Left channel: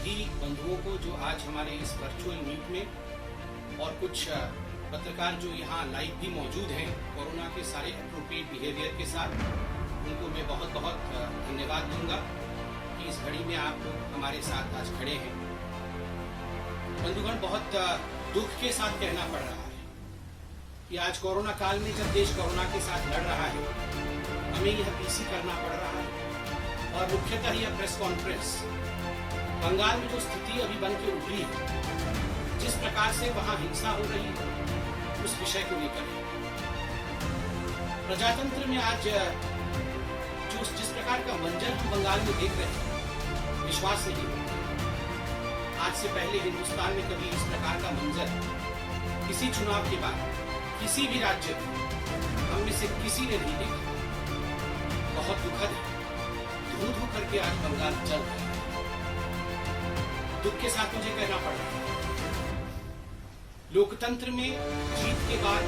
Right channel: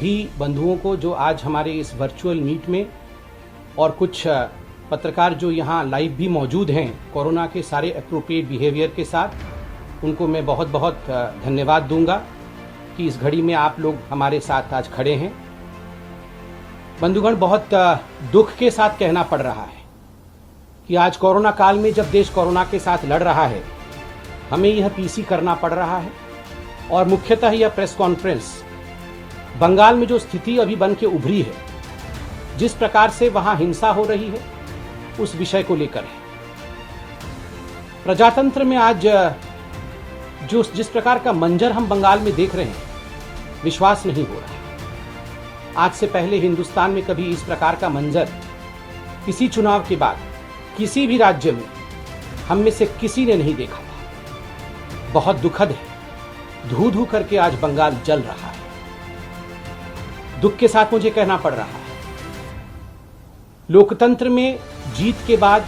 सभी बंधुओं को जो आज हमारे इस वर्चुअल मीट में और कुछ पत्रकार जो यहाँ लाइव भी मौजूद हैं कोरोना के सारे एप्रोप्रिएट बिहेवियर के साथ, उनको मैं बहुत बहुत धन्यवाद दूंगा कि इस घड़ी में आप लोग हमारे साथ आज खड़े हैं। बंधुगण, बहुत दुख के साथ कहना पड़ रहा है कि आज कोरोना काल में जब देश कोरोना के साथ लड़ रहा है, हमें यह पीसी करना पड़ रहा है। और मुख्यतः यह प्रेस कॉन्फ्रेंस बंगाल में जो स्थिति अभी बन के उभरी है, जिस प्रकार से वहां हिंसा हो रही है, उस विषय को लेकर है। प्रजातंत्र में आज जिस प्रकार का मंजर हम बंगाल में देख रहे हैं, विश्वास नहीं हो रहा। आज से पहले हिंदुस्तान में कभी इस प्रकार का मंजर किसी चुनाव के बाद किसी भी राज्य में हम में से किसी ने नहीं देखा था। बहुत दुखद है। धू धू करके आज बंगाल जल रहा है। दुख के साथ मुझे कहना पड़ रहा है, लोकतंत्र में जीत के बाद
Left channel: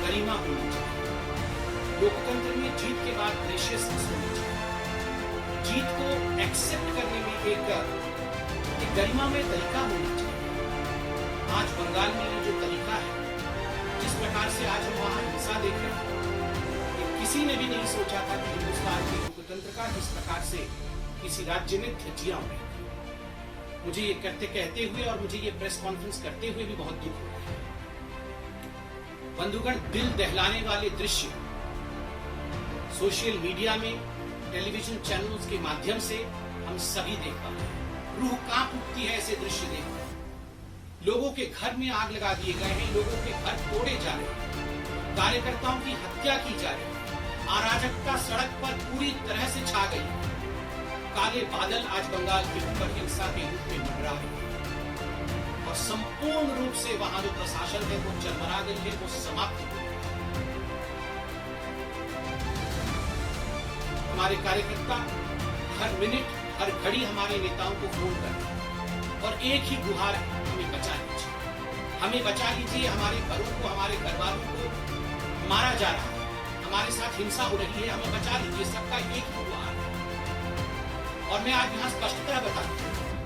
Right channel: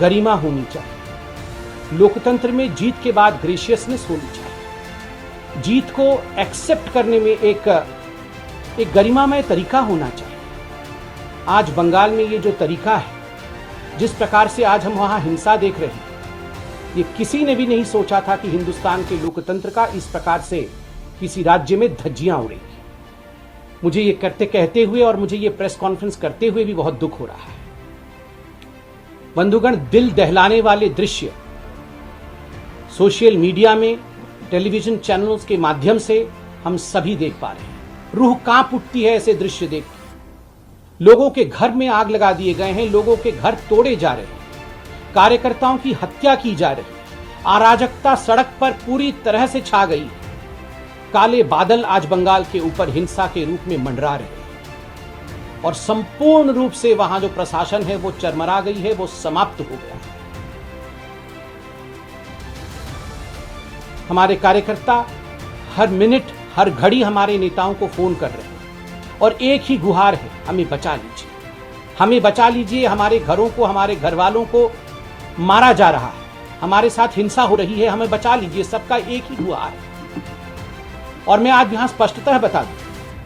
गरिमा होनी चाहिए। लोकतंत्र में जीत के बाद ग्रेशियसनेस होनी चाहिए। जीत को एक्सेप्ट करने में एक गरिमामय तरीका होना चाहिए। आज बंगाल में ये जो तरीका है, जिस प्रकार से आज हम वहां हिंसा देख रहे हैं, ये किसी ने भी नहीं सोचा था कि हिंदुस्तान के लोकतंत्र का इस प्रकार से किसी राज्य में धज्जियां उड़ेंगी। मुझे ये कहते हुए और मुझे ये प्रेस कॉन्फ्रेंस करते हुए भी बहुत दुख हो रहा है। बंधुगण, दिल दहलाने वाले दृश्य सोशल मीडिया में, टेलीविजन चैनल्स के माध्यम से हम सभी देख पा रहे हैं। रूह कांप उठती है ऐसे दृश्य देख। लोगों के घर में आग लगा दिए गए हैं, लोगों के घर तोड़े जा रहे हैं, कार्यकर्ताओं की हत्या की जा रही है, अराजकता सड़क पर पूरी तरह से छा गई है। काले बादल आज बंगाल के ऊपर हिंसा के रूप में मंडरा रहे हैं और संपूर्ण रूप से वहां जो प्रशासन है वो चरमरा गई है, वो समाप्त हो गया है। हमारे कार्यकर्ता हर मिनट हर घड़ी हमारे नेताओं को फोन कर रहे हैं और एक ही गुहार है, हमें बचा लीजिए, हमें बचा लीजिए। हमारे घरों को, हमारे घर वालों को मारा जा रहा है, हमारे साथ हिंसा हो रही है, हमें बचा लीजिए। सबका एक ही गुहार है। और मैं आज यहां स्पष्टतः बता दूं,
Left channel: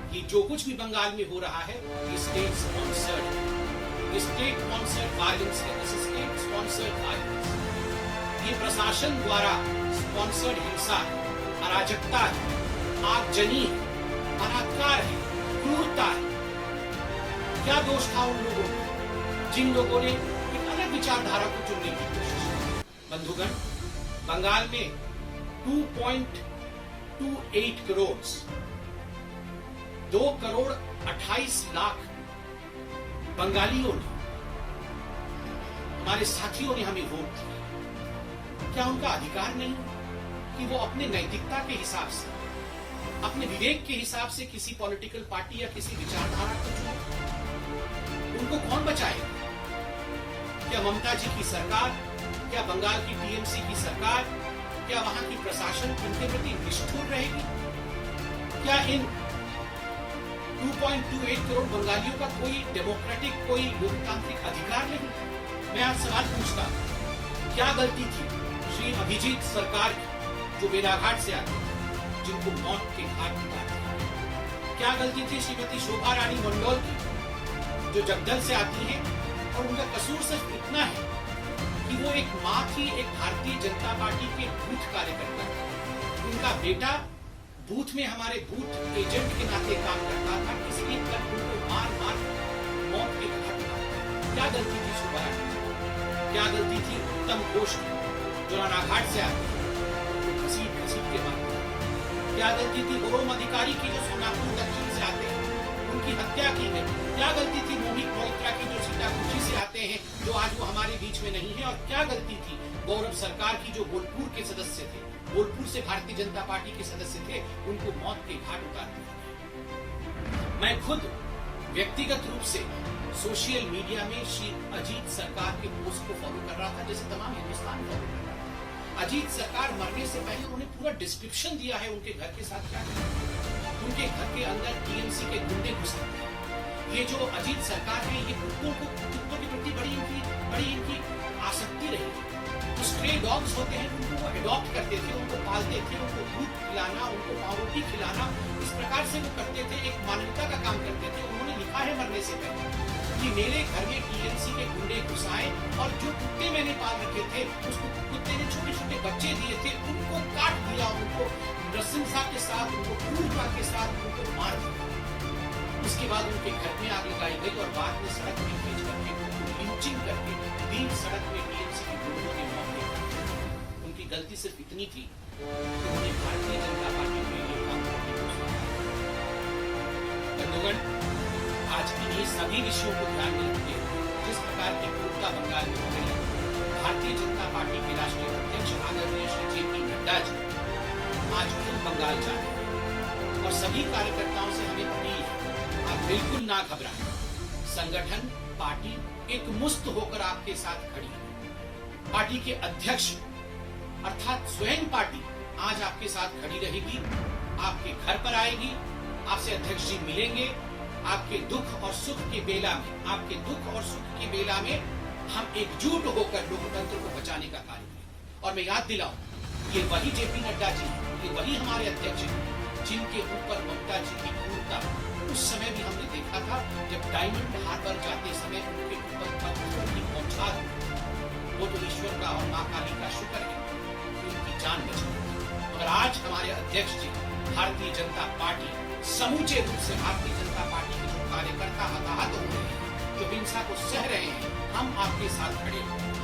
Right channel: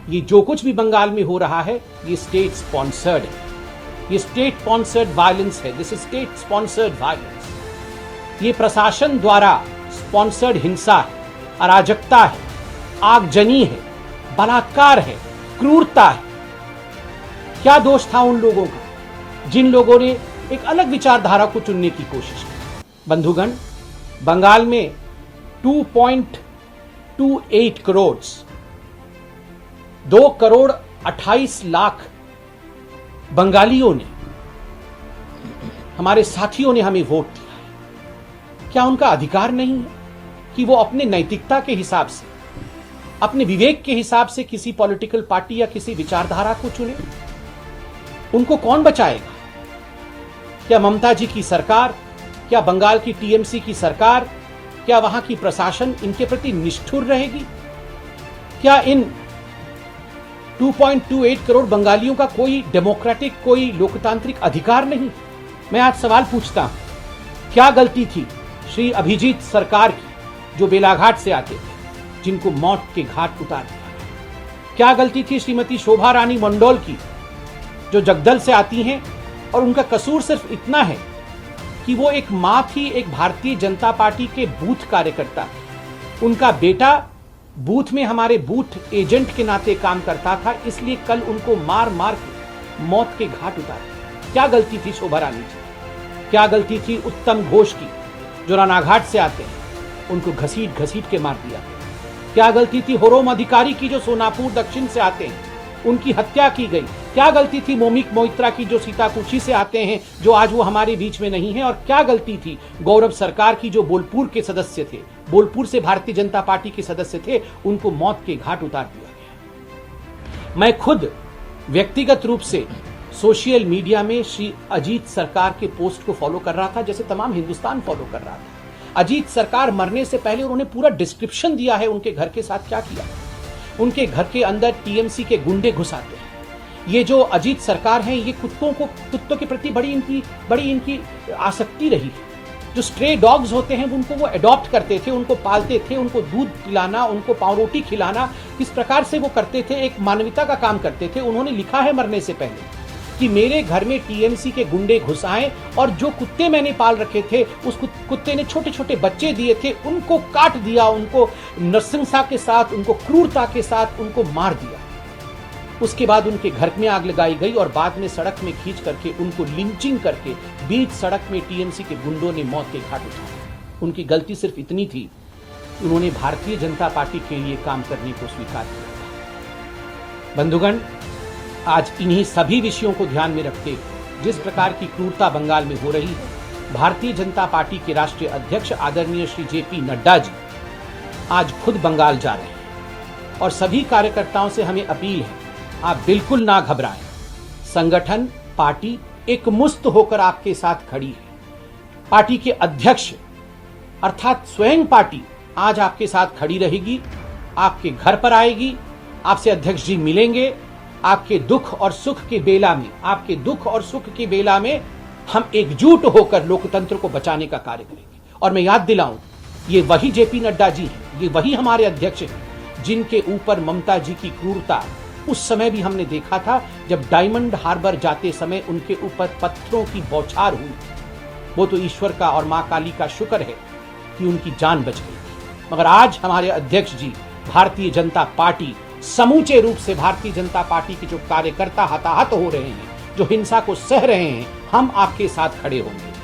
ये जो कुछ भी बंगाल में हो रहा है, ये स्टेट स्पॉन्सर्ड है। ये स्टेट स्पॉन्सर्ड वायलेंस है। This is state sponsored violence. ये प्रशासन द्वारा स्पॉन्सर्ड हिंसा है, अराजकता है, आगजनी है, बलात्कार है, क्रूरता है। क्या दोष था उन लोगों का जिन लोगों ने एक अलग विचारधारा को चुनने की कोशिश की? बंधुगण, बंगाल में 2.28 करोड़ 2,28,00,000 बंगालियों ने, हमारे साथियों ने हमें वोट दिया। क्या उनका अधिकार नहीं है कि वो अपने नैतिकता के हिसाब से, अपने विवेक के हिसाब से किसी पॉलिटिकल पार्टी या किसी विचारधारा को चुने? उनको कौन बचाएगा? क्या ममता जी की सरकार, क्या बंगाल की टीएमसी की सरकार, क्या वहां की प्रशासन इनके प्रति निष्ठुर रहेगी? क्या इन 2.28 करोड़ बंगालियों का कोई डेमोक्रेटिक, कोई लोकतांत्रिक अधिकार नहीं? मैं आज सवाल पूछता हूं, क्या गलती थी श्री अभिजीत सरकार की, जो बेलाघाट से आते थे, जिनको मौत के घाट उतार दिया? क्या गलती थी श्रीमती शोभा रानी मंडोल की, जो जगदल से आती हैं और उनका कसूर सिर्फ इतना है कि वो एक मां थी, एक भारतीय जनता पार्टी के बूथ कार्यकर्ता है। उनका बेटा बूथ में हमारे बूथ एजेंट के नाते काम करता था, इसलिए कल उनको मार मार के मौत के घाट उतार दिया। क्या गलती थी शोभा रानी की? क्या गलती थी उत्तम घोष की, जो रानाघाट से आते हैं, उनको घसीट घसीट के मार दिया? क्या गलती थी होरोम अधिकारी की, जो सोनापुर दक्षिण से आते हैं, उनकी हत्या की गई? क्या गलती थी मोमिक मोइत्रा की, जो सीताकुची से आते हैं, जो आज वो हमारे बीच में नहीं है? और क्या गलती थी गौरव सरकार की, जो बोलपुर के सदस्य थे, बोलपुर से भारतीय जनता पार्टी के सदस्य थे, उनको मौत के घाट उतार दिया गया। मैं खुद व्यक्तिगत रूप से सोशल मीडिया में श्री अजीत सरकार के पोस्ट को फॉलो कर रहा था, जैसे तमाम हिंदुस्तान फॉलो कर रहा था। अजीत सरकार मरने से पहले उन्होंने पूरा डिस्क्रिप्शन दिया है उनके घर के साथ क्या किया। उनके घर के अंदर टीएमसी के गुंडे घुस आते हैं। ये जो अजीत सरकार है, ये कुत्तों के प्रति बड़ी इनकी आसक्ति रही है। जो स्ट्रे डॉग्स होते हैं उनको वो अडॉप्ट करते थे, उनको पालते थे, उनको दूध पिलाना, उनको पावरोटी खिलाना, किस प्रकार से वो करते थे, एक मानवता का काम करते थे। उन्होंने लिखा है मरने से पहले कि मेरे घर में टीएमसी के गुंडे घुस आए और जो कुत्ते मैंने पाल रखे थे उस कुत्ते ने छोटे छोटे बच्चे दिए थे, उनको काट दिया, उनको नृशंसता के साथ, उनको क्रूरता के साथ उनको मार दिया। उसके बाद उनके घर में आग लगाई गई और बाद में सड़क में खींच करके उनको लिंचिंग करके बीच सड़क में टीएमसी के गुंडों ने मौत के घाट उतारा। उनकी गलती सिर्फ इतनी थी, उन्होंने भारतीय जनता पार्टी के लिए काम करने को स्वीकार किया। बंधुगण, आज इन्हीं सभी विषयों को ध्यान में रखते जिस प्रकार की क्रूरता बंगाल में हो रही, भारतीय जनता पार्टी के राष्ट्रीय अध्यक्ष आदरणीय श्री जेपी नड्डा जी आज खुद बंगाल जा रहे हैं और सभी कार्यकर्ताओं से हमें अपील है, आप बिल्कुल ना घबराएं। संगठन, पार्टी एक मुस्त होकर आपके साथ खड़ी है। पार्टी के अध्यक्ष अर्थात स्वयं पार्टी आज आपके साथ खड़ी रहेगी, आपके घर पर आएगी, आपसे अध्यक्ष जी मिलेंगे। आपके दुख और सुख के बेला में, आपके दुख और सुख के बेला में हम एकजुट होकर लोकतंत्र को बचाने का कार्य करेंगे। और मैं याद दिलाऊं, ये वही जेपी नड्डा जी हैं, ये वही हमारे अध्यक्ष हैं जिनके ऊपर ममता जी की क्रूरता उस समय भी हमने देखा था जब डायमंड हार्बर जाते समय उनके ऊपर पत्थरों की बौछार हुई। वो तो ईश्वर का और मां काली का शुक्र है कि उनकी जान बच गई। मगर आज हमारे अध्यक्ष जी, भारतीय जनता पार्टी, समूचे रूप से भारतीय जनता पार्टी के जो कार्यकर्ता हताहत हो रहे हैं, जो हिंसा को सह रहे हैं, हम आपके साथ खड़े होंगे।